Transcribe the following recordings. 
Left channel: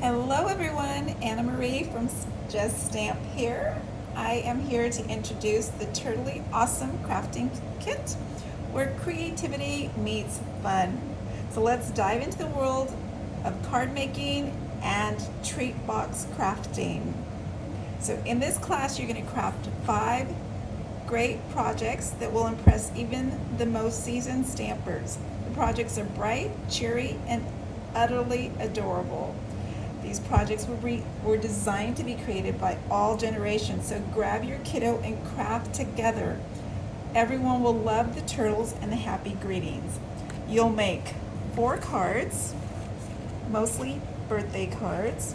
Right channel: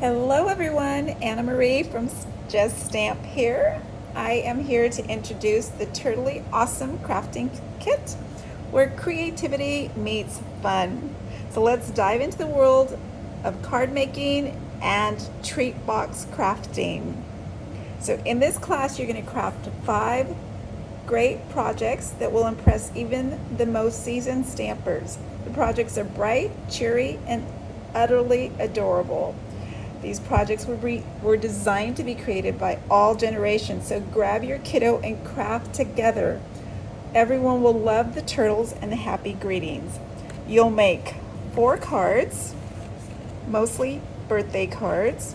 Hello everyone, Anna Marie from Just Stamp here. I am here to introduce the Turtle-yAwesome crafting kit where creativity meets fun. So let's dive into the world of card making and treat box crafting. So in this class you're going to craft 5 great projects that will impress even the most seasoned stampers. The projects are bright, cheery, and utterly adorable. These projects were designed to be created by all generations, so grab your kiddo and craft together. Everyone will love the turtles and the happy greetings. You'll make 4 cards, mostly birthday cards.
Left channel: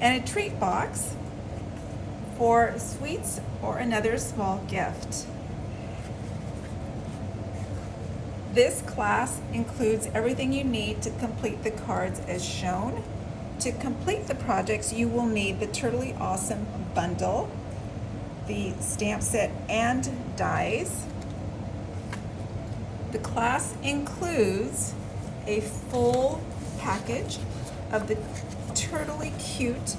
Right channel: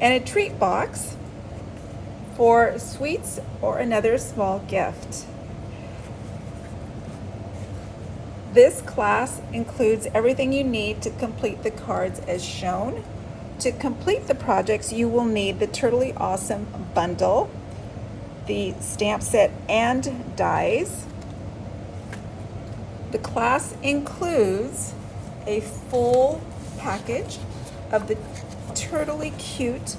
And a treat box for sweets or another small gift. This class includes everything you need to complete the cards as shown. To complete the projects, you will need the Turtle-yAwesome bundle, the stamp set and dies. The class includes a full package of the Turtle-y Cute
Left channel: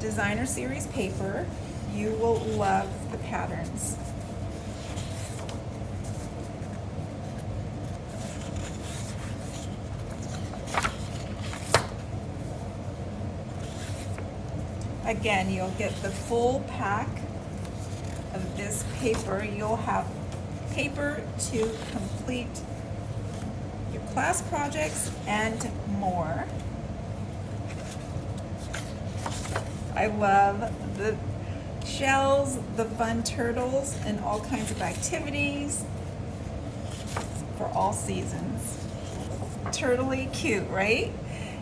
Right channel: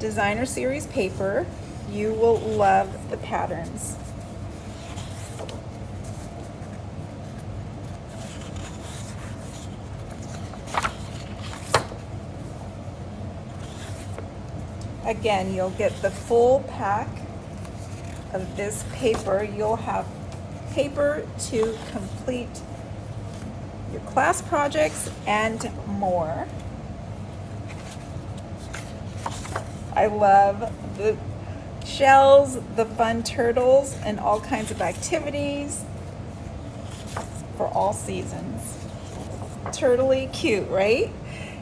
Designer Series paper. You will love the patterns. Again, you'll get the full pack of this paper. You'll have paper to complete your class projects and more. I love the shells, the fun turtles, and all kinds of activities for all seasons. Turtle-y cute, right?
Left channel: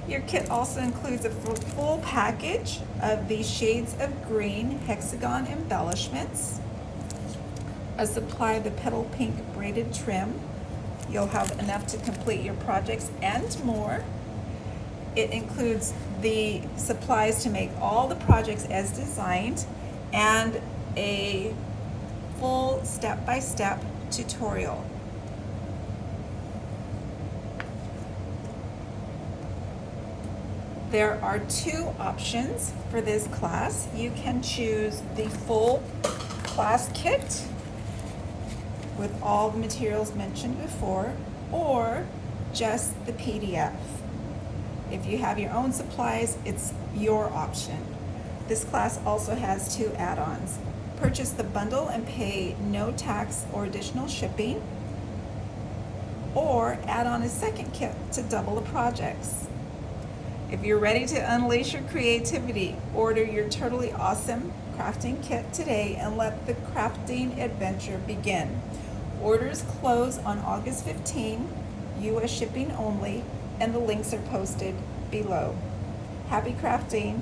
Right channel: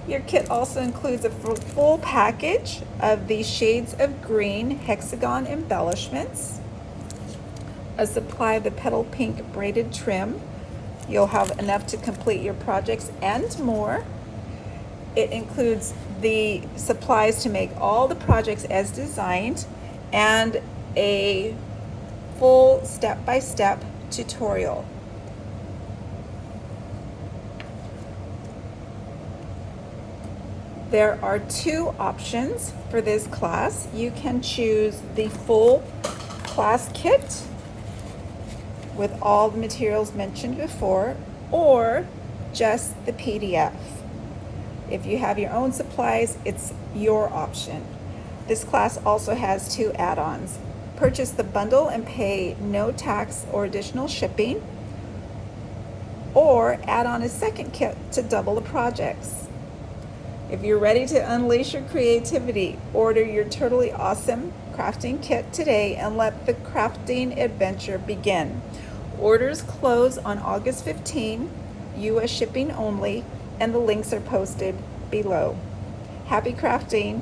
Your kit also includes a full package of the shades of green hexagon embellishments, a supply of the petal pink braided trim. You'll have enough to complete your projects and more. It includes the supplies to make all the projects as designed and a full step-by-step tutorial. There are 2 options for this class. You can choose the full class kit with all the materials mentioned before, or just the PDF. If you have your own supplies, it's your option. This class also has 2 add-ons. Purchase the bundle and pay no tax or additional shipping, or add on a second kit to double the projects. If you're ready to unleash your creativity, order your Turtle-yAwesome crafting kit today and let the crafting adventure begin. Orders close on August 15, US shipping only, and the links are posted below. Happy crafting!